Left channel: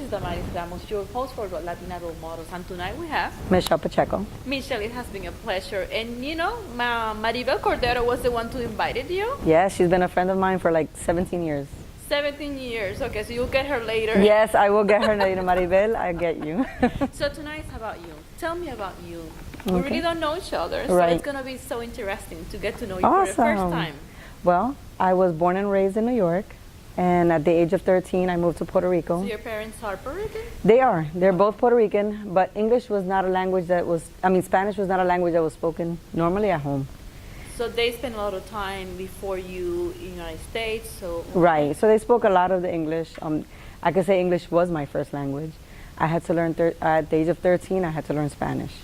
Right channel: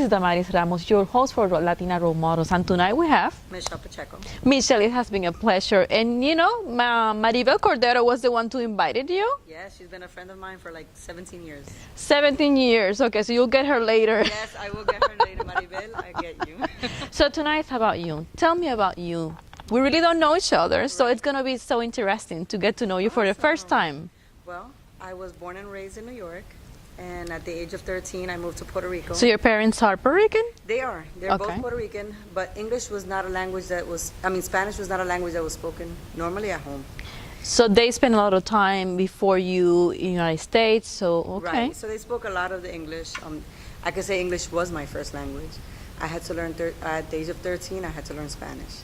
This is Damaris Ramos, your host for Latina Role Models, and tonight we have Michelle Pacheco. Michelle. It has been a pleasure, and you know, Maribel Cordero was the one who invited you. Yeah, she's been a friend of mine for like 17 years. 17 years. Okay, so you'll get her later. Yes, I will get her later, Maribel. I get you. So tonight's about you. Tell me about you. We really don't know each other, so Right. it's gonna be so interesting to get to know you for the first Awesome. time. Well, I was born and raised in New York, and at the age of 13, I moved to Puerto Rico. So your parents are Puerto Rican? They are. They're both Okay. Puerto Rican, but English was not a language that was, Spanish was not a language that was spoken normally at home. So they spent a lot of time before you in the United States, so okay. Right. So they spoke a lot of the English. I could say English was my first language. I had to learn, at the age of 13, I had to learn Spanish.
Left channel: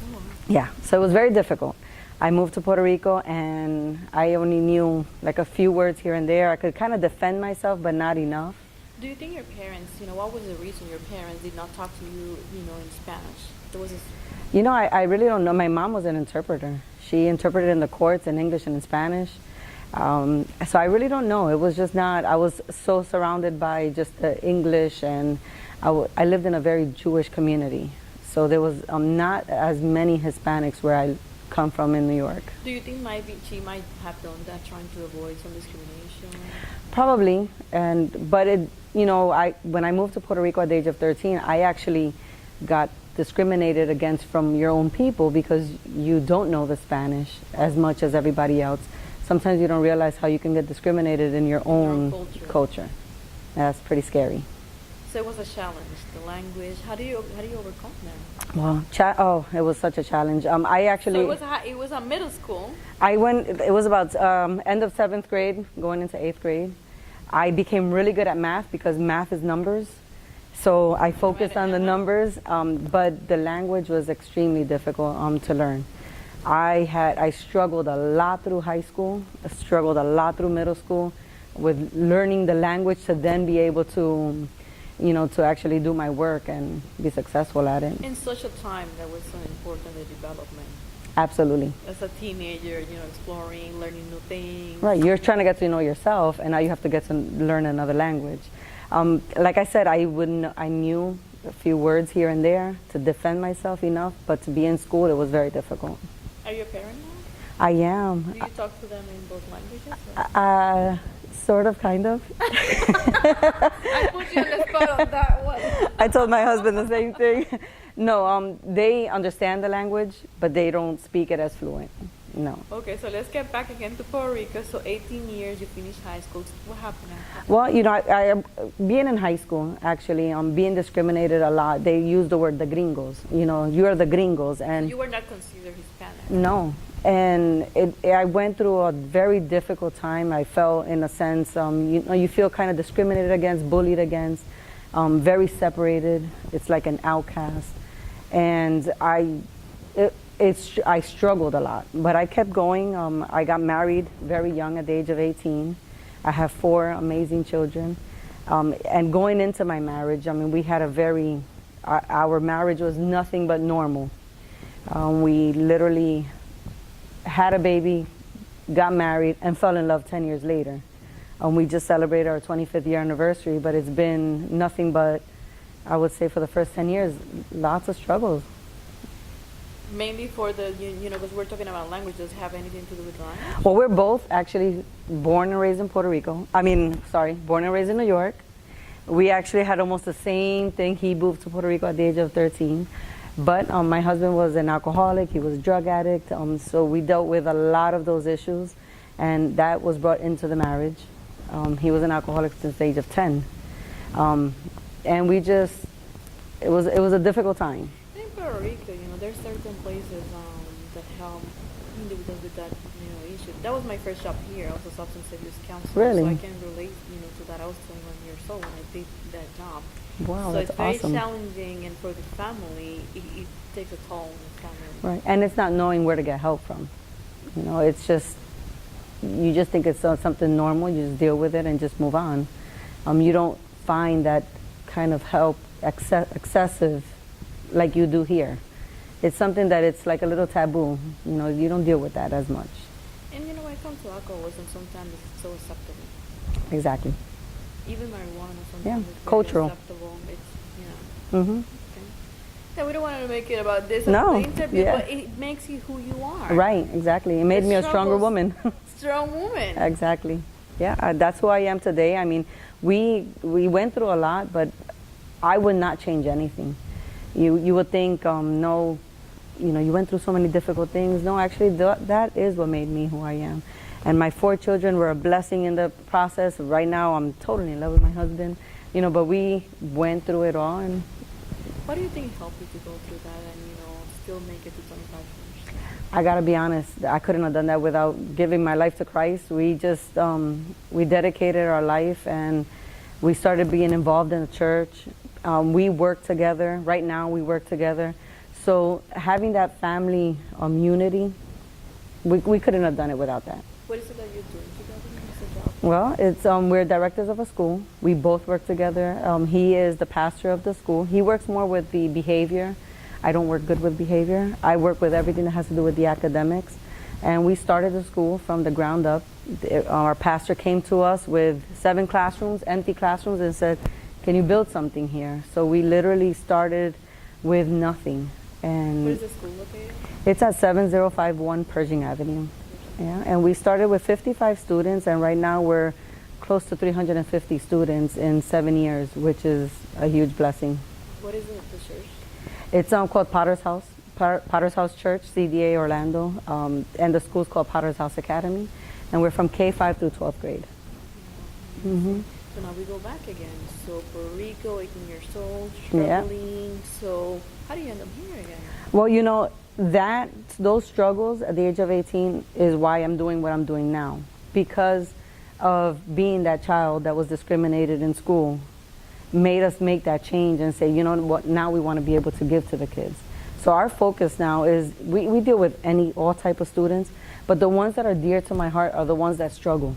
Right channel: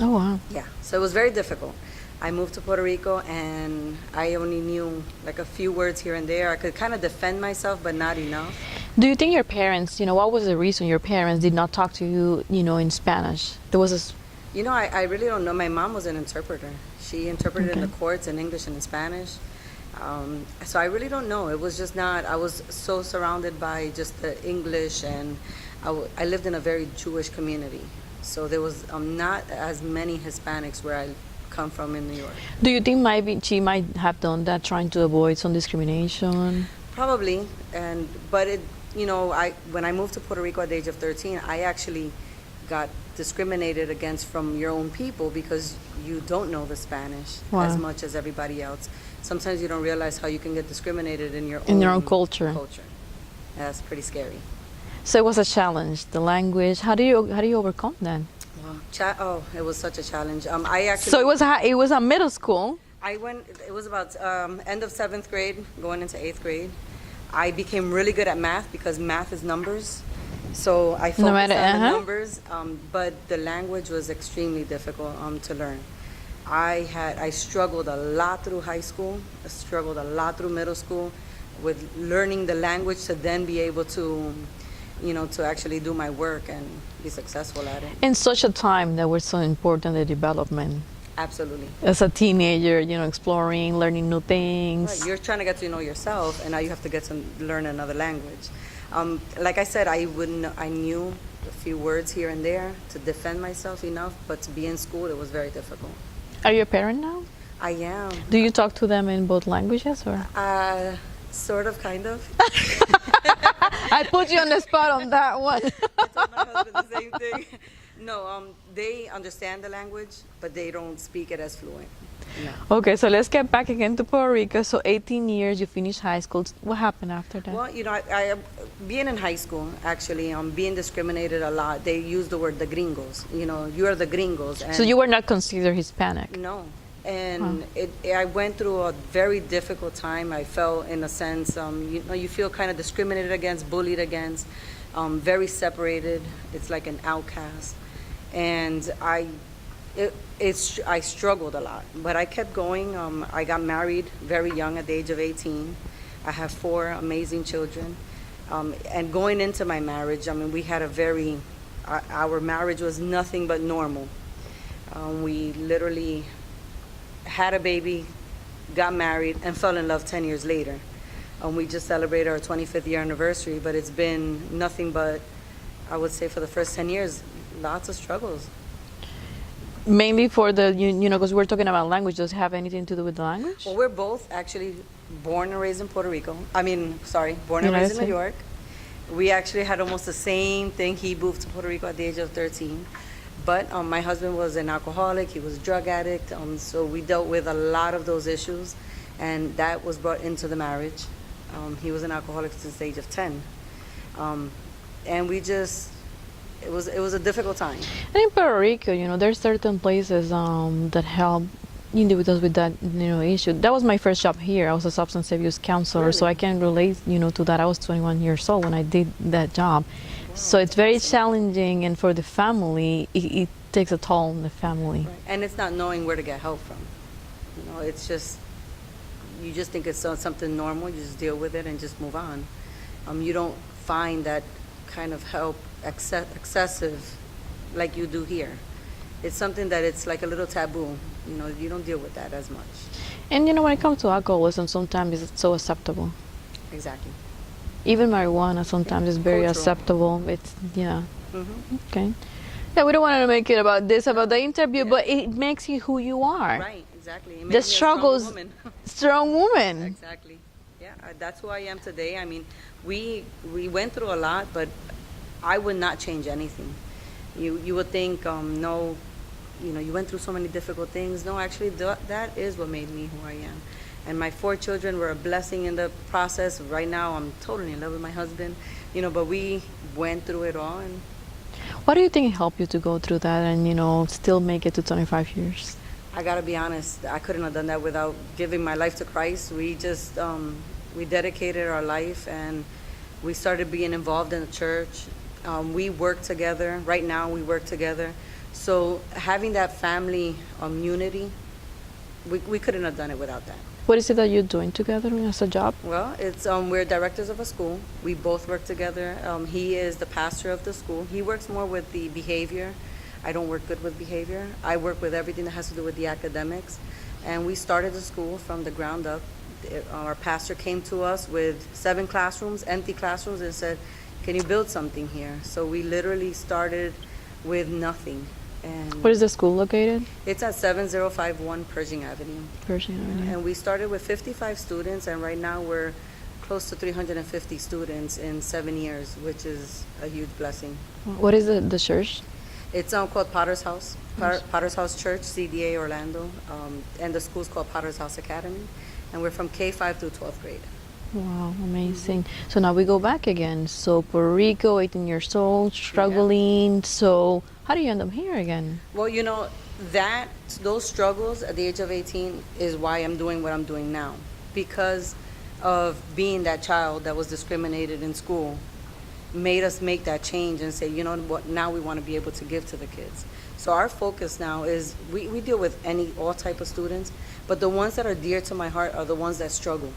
Oh, wow. Yeah, so it was very difficult. I moved to Puerto Rico and I only knew like a few words here and there. I could kind of defend myself, but not enough. Do you think your parents, what was the reason your parents did not talk to you, in Spanish? There was a... I really don't know. My mom was an interpreter. She interpreted in the courts in English and in Spanish. So I really don't know. It was just not, I was so surrounded by just the English, and I lived in a very Jewish community. So there was not as many Hispanics where I come from in New York. Do you think maybe she might have done that trying to avoid some discrimination? Probably, but when I moved to Puerto Rico at the age of 13, I actually got discriminated against from your own people because you don't know the Spanish as much as everybody else. Sometimes you don't realize how you can get discriminated in your own culture. That's pretty scary. So it was a challenge, the language. How do you overcome that? Well, it was such a challenge. I actually. So it was a middle school. It was about end of 7th grade, going into 8th grade. I became really good at math because math is numbers. So I focused on the numbers, but the language was extremely difficult to learn. I struggled a lot through high school. I struggled a lot through middle school with learning the language to then be able to, to actually do my work and be successful at it. In such a time that was so important, the development. Absolutely. As a teenager, exploring, learning new things. Right, you're trying to get to know yourself, and now you have to get to learn another language. Like I said, I knew a few words here and there to defend myself enough, but to be in school, it was very difficult. Are you a parent now? I am. Do you talk to them in both languages, or? Sort of, kind of. I put you on the spot on that one. I told my husband the same thing. No, they understand the language, but they don't speak it as fluent. No. Okay, so let's get back again to Puerto Rico. So 18 years, you finished high school. What happened after that? Well, I being in high school, actually, being discriminated a lot. They use the word the gringos. You're the gringos. And so you were not considered Hispanic? No. And I went through a very difficult time. I felt, in a sense, you feel kind of discriminated against, bullied against, very separated. It's like an outcast. And I struggled a lot, but I kept going. I got married very young at the age of 18. I have 4 amazing children. And going into my marriage, we had our marriage was nothing but normal. We literally had a baby, got married, and fell in love 10 years later. We just celebrated our 25th year anniversary, but it's been nothing but, I would say, for the first 10 years, lots of struggles. Mainly for the, because we're talking about language, does it have anything to do with the language? Well, we're both actually born and raised in Puerto Rico. Born and raised in New York. We actually had almost the same thing. He moved to Puerto Rico at the age of 13. But my husband was an alcoholic, he was a drug addict, so we dealt with a lot of those issues, and that was brought into the marriage. He was an alcoholic since the age of 10. And we just, it was a difficult time. And in Puerto Rico, there's certain places that help individuals with that issue. That was my first job here. I was a substance abuse counselor, so I can relate to that. I was 21 years old when I did that job. Wow, so it's very awesome. challenging, and for the family, it takes a toll on the family. Right, and it's not knowing where to get help from. It's just, you just think it's something normal, you just deal with it and just move on. You don't find that kind of help excessive like you do here. It's something that it's like a little taboo. You don't deal with that as much. And when it comes to alcoholism, sometimes it's so acceptable. Exactly. Even marijuana sometimes is very Cultural. acceptable. It's, yeah. Hmm. Okay. Yeah, we don't want to make it about this, about No, the interview, yeah. but it makes you who you are. Right, exactly. It The made me a stronger struggles, woman. strong woman. Exactly. Yeah, that's who I am today. I mean, we went through a lot, but I would not change anything. You would think, no, you went through so many difficult things. No, actually, that is what made me who I am. And my 4 children were a blessing in the process. Right now, I'm totally in love with my husband. But we went through it all, and What do you think helped you to go through that and, still make it to 25 years? I gotta be honest, I couldn't have done that without giving my life to Christ. We just, we dedicated our life, and we started being involved in the church. We work together. Right now, we work together. So having that family unity, we couldn't have done it without that. What is it that you're doing together as a job? Well, it's we're directors of a school. We both work together. He is the pastor of the school. He works more with the behavior. I don't work good with behavior. I work with everything that has to do with the academics. And we started the school from the ground up. Our pastor came to us with 7 classrooms, empty classrooms, and said, "Can you build something here?" So we literally started with nothing. And Where is the school located? it's at 7051 Pershing Avenue. Pershing Yeah, Avenue. and we started with 55 students, and right now we're close to 350 students in 7 years, which is a huge blessing. What is the church? It's called Potter's House, Potter's House Church, CDA Orlando, and the school's called Potter's House Academy, and we're from K-5 through 12th grade. Wow, amazing. So now we go back again. So Puerto Rico, 18 years old, struggling. So how do you end up here again? Well, those struggles at the age of 18 is why I'm doing what I'm doing now, because of being that child that was discriminated in school, made us make that change and say, you know what, now we want to be able to give to the kids. So our focus now is we deal with all type of students, but the ones that are dear to my heart are the ones that struggle,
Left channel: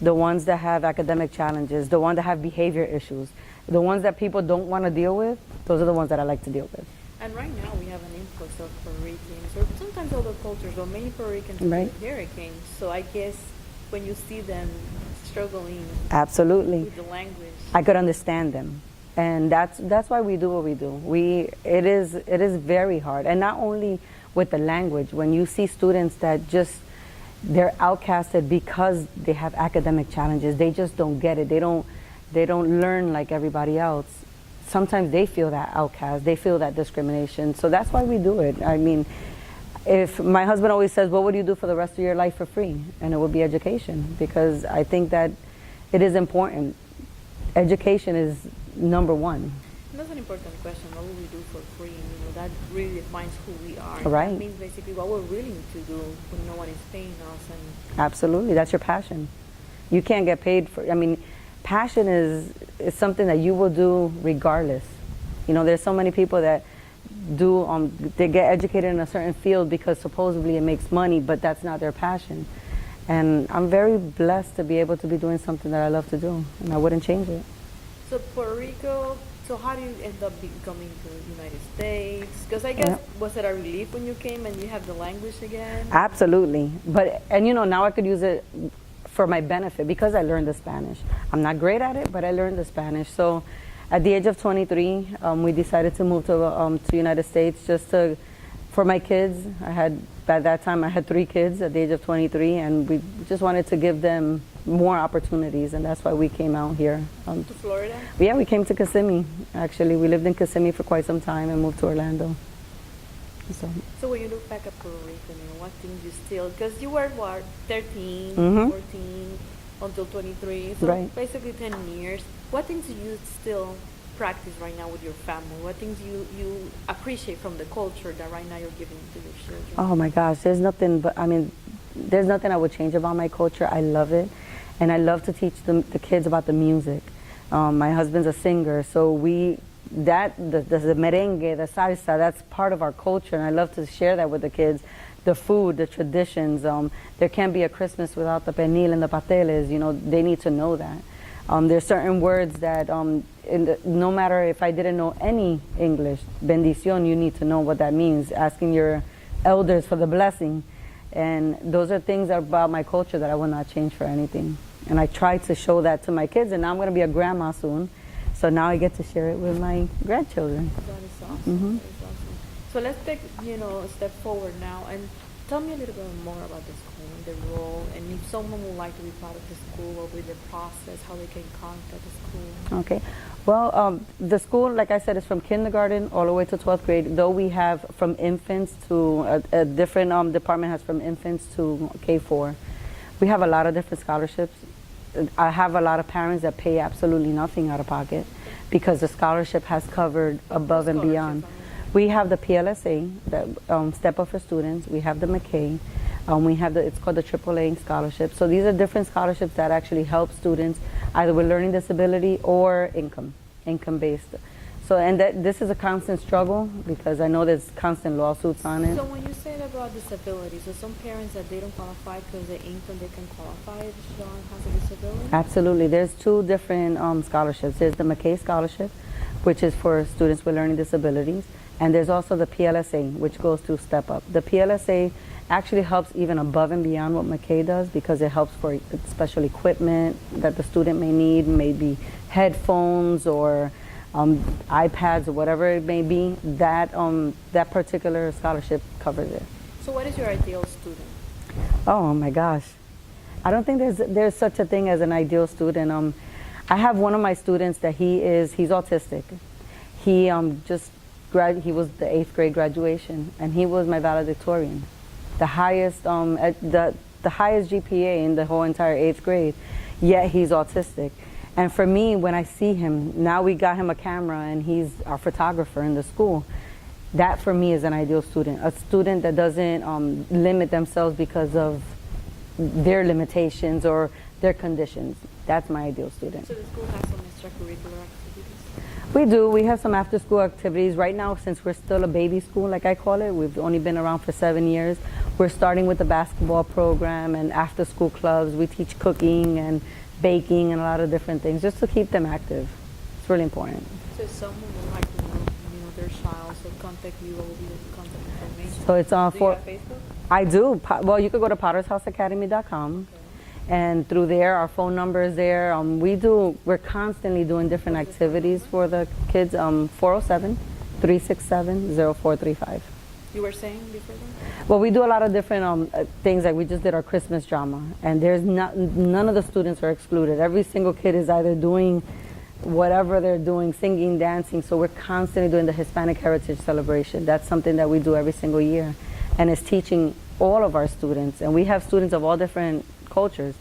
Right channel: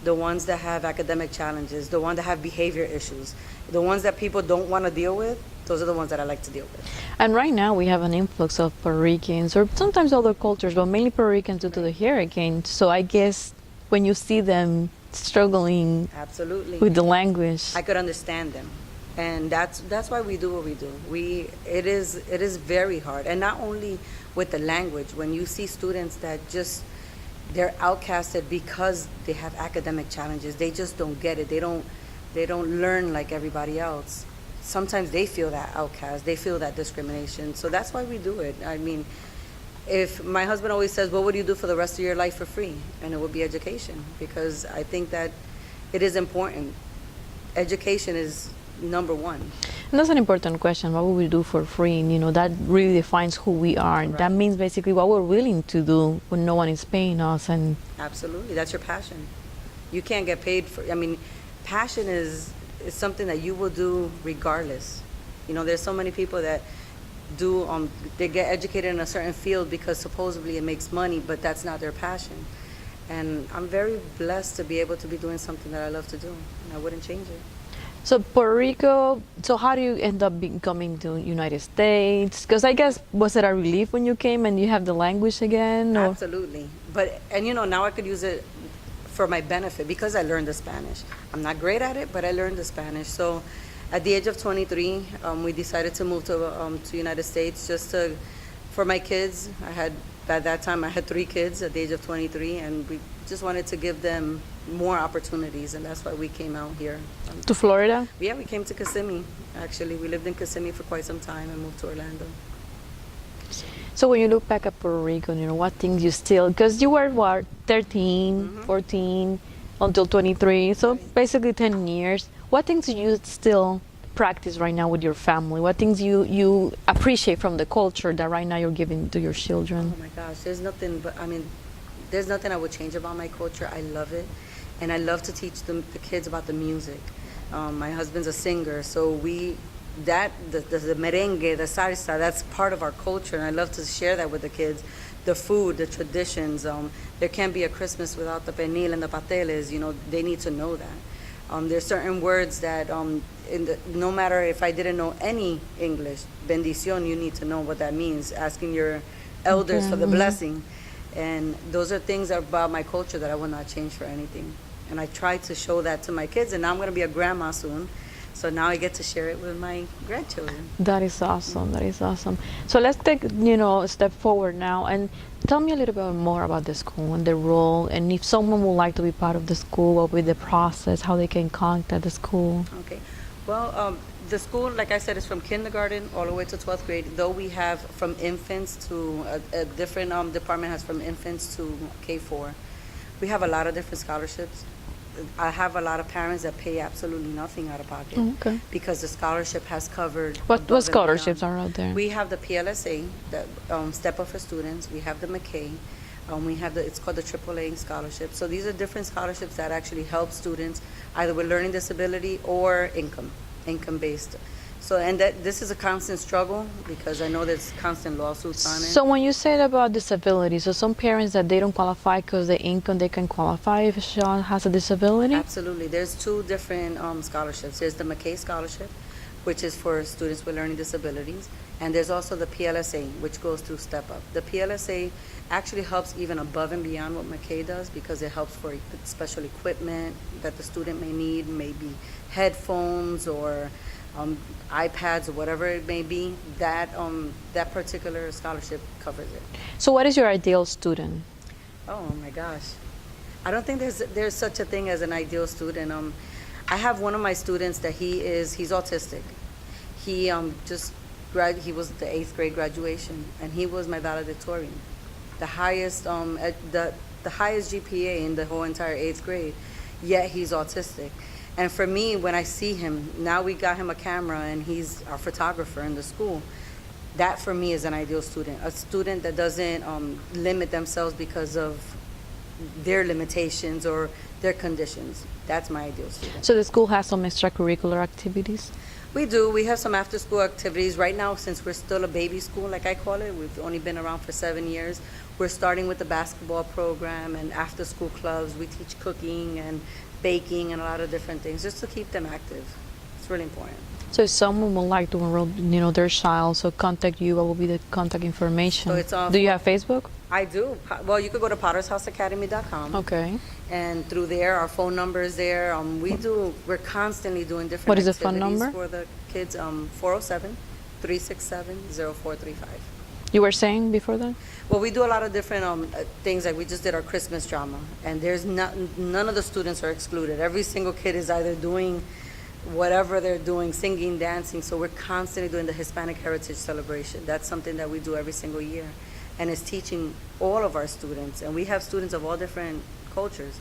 the ones that have academic challenges, the ones that have behavior issues, the ones that people don't want to deal with. Those are the ones that I like to deal with. And right now we have an influx of Puerto Ricans, or sometimes other cultures, but mainly Puerto Ricans due to the hurricane. So I guess when you see them struggling Absolutely. with the language, I could understand them, and that's why we do what we do. It is very hard, and not only with the language. When you see students that they're outcasted because they have academic challenges, they just don't get it. They don't learn like everybody else. Sometimes they feel that outcast, they feel that discrimination. So that's why we do it. I mean, if my husband always says, what would you do for the rest of your life for free? And it would be education, because I think that it is important. Education is number one. and that's an important question. What would we do for free? And, that really defines who we are. Right. That means basically what we're willing to do when no one is paying us. And Absolutely, that's your passion. You can't get paid for, passion is something that you will do regardless. There's so many people that they get educated in a certain field because supposedly it makes money, but that's not their passion. And I'm very blessed to be able to be doing something that I love to do, and I wouldn't change it. so Puerto Rico, so how do you end up coming to United States? Because I guess, was it a relief when you came and you have the language again? or- Absolutely. Now I could use it for my benefit because I learned the Spanish. I'm not great at it, but I learned the Spanish. So at the age of 23, we decided to move to United States for my kids. At that time, I had 3 kids at the age of 23, and we just wanted to give them more opportunities, and that's why we came out here. To Florida? Yeah, we came to Kissimmee. Actually, we lived in Kissimmee for quite some time and moved to Orlando. So when you look back at Puerto Rico, what things you still, because you were, 13, 14, until 23, so Right. basically 10 years. What things do you still practice right now with your family? What things you appreciate from the culture that right now you're giving to your children? Oh my gosh, there's nothing I would change about my culture. I love it. And I love to teach the kids about the music. My husband's a singer, so the merengue, the salsa, that's part of our culture, and I love to share that with the kids. The food, the traditions. There can't be a Christmas without the pernil and the pasteles. They need to know that. There's certain words that, no matter if I didn't know any English, bendición, you need to know what that means, asking your elders for the blessing. And those are things about my culture that I will not change for anything. And I try to show that to my kids, and now I'm going to be a grandma soon. So now I get to share it with my grandchildren. That is awesome. That is awesome. So let's take, a step forward now and tell me a little bit more about the school and the role, and if someone would like to be part of the school, what would be the process, how they can contact the school. Okay. Well, the school, like I said, is from kindergarten all the way to 12th grade, though we have from infants to a different department has from infants to K4. We have a lot of different scholarships. I have a lot of parents that pay absolutely nothing out of pocket because the scholarship has covered What above and beyond. scholarships are out there? We have the PLSA, the Step Up for Students. We have the McKay. We have it's called the AAA scholarship. So these are different scholarships that actually help students either with learning disability or income-based. So, and this is a constant struggle because I know there's constant lawsuits on it. So when you said about disability, so some parents that they don't qualify because the income, they can qualify if a child has a disability? Absolutely. There's two different scholarships. There's the McKay Scholarship, which is for students with learning disabilities. And there's also the PLSA, which goes through Step Up. The PLSA actually helps even above and beyond what McKay does because it helps for special equipment that the student may need, maybe headphones or iPads or whatever it may be. That particular scholarship covers it. So what is your ideal student? Oh my gosh, I don't think there's such a thing as an ideal student. I have one of my students that he's autistic. He he was the 8th grade graduation, and he was my valedictorian, the highest the highest GPA in the whole entire 8th grade. Yet he's autistic. And for me, when I see him, now we got him a camera and he's our photographer in the school. That for me is an ideal student, a student that doesn't limit themselves because of their limitations or their conditions. That's my ideal student. So the school has some extracurricular activities? We do. We have some after-school activities. Right now, since we're still a baby school, like I call it, we've only been around for 7 years. We're starting with the basketball program and after-school clubs. We teach cooking and baking and a lot of different things just to keep them active. It's really important. So if someone would like to enroll, their child, so contact you, what will be the contact information? So it's do you have Facebook? I do. Well, you could go to pottershouseacademy.com. Okay. And through there, our phone number is there. We're constantly doing different What is the phone activities number? for the kids. 407-367-0435. You were saying before that? Well, we do a lot of different things. Like we just did our Christmas drama, and there's none of the students are excluded. Every single kid is either doing whatever they're doing, singing, dancing. So we're constantly doing the Hispanic Heritage Celebration. That's something that we do every single year, and it's teaching all of our students. And we have students of all different cultures.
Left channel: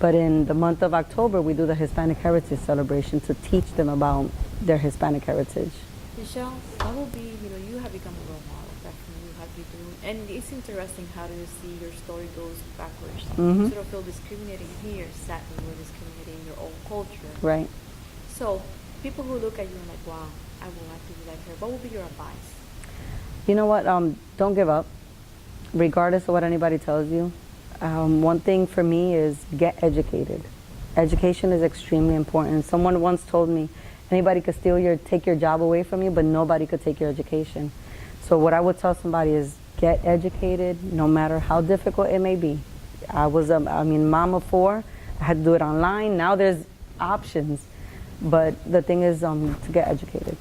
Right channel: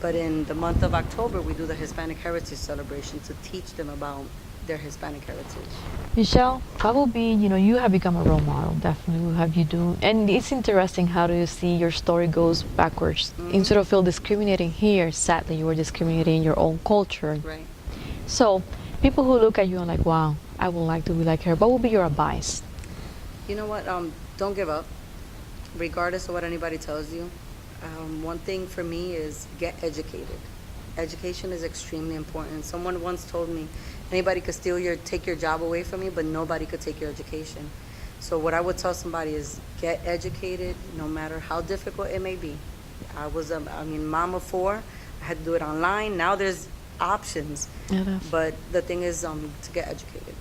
But in the month of October, we do the Hispanic Heritage Celebration to teach them about their Hispanic heritage. Michelle, what will be, you have become a role model, definitely will have you do. And it's interesting how do you see your story goes backwards. Instead of feel discriminating here, sadly you were discriminating in your own culture. Right. So people who look at you and like, wow, I would like to be like her, what would be your advice? You know what, don't give up, regardless of what anybody tells you. One thing for me is get educated. Education is extremely important. Someone once told me, anybody could take your job away from you, but nobody could take your education. So what I would tell somebody is get educated, no matter how difficult it may be. I was, mom of 4. I had to do it online. Now there's options. But the thing is to get educated.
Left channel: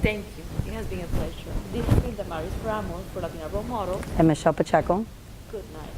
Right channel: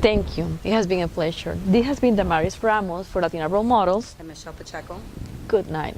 Thank you. It has been a pleasure. This has been Damaris Ramos for Latina Role Models. And Michelle Pacheco. Good night.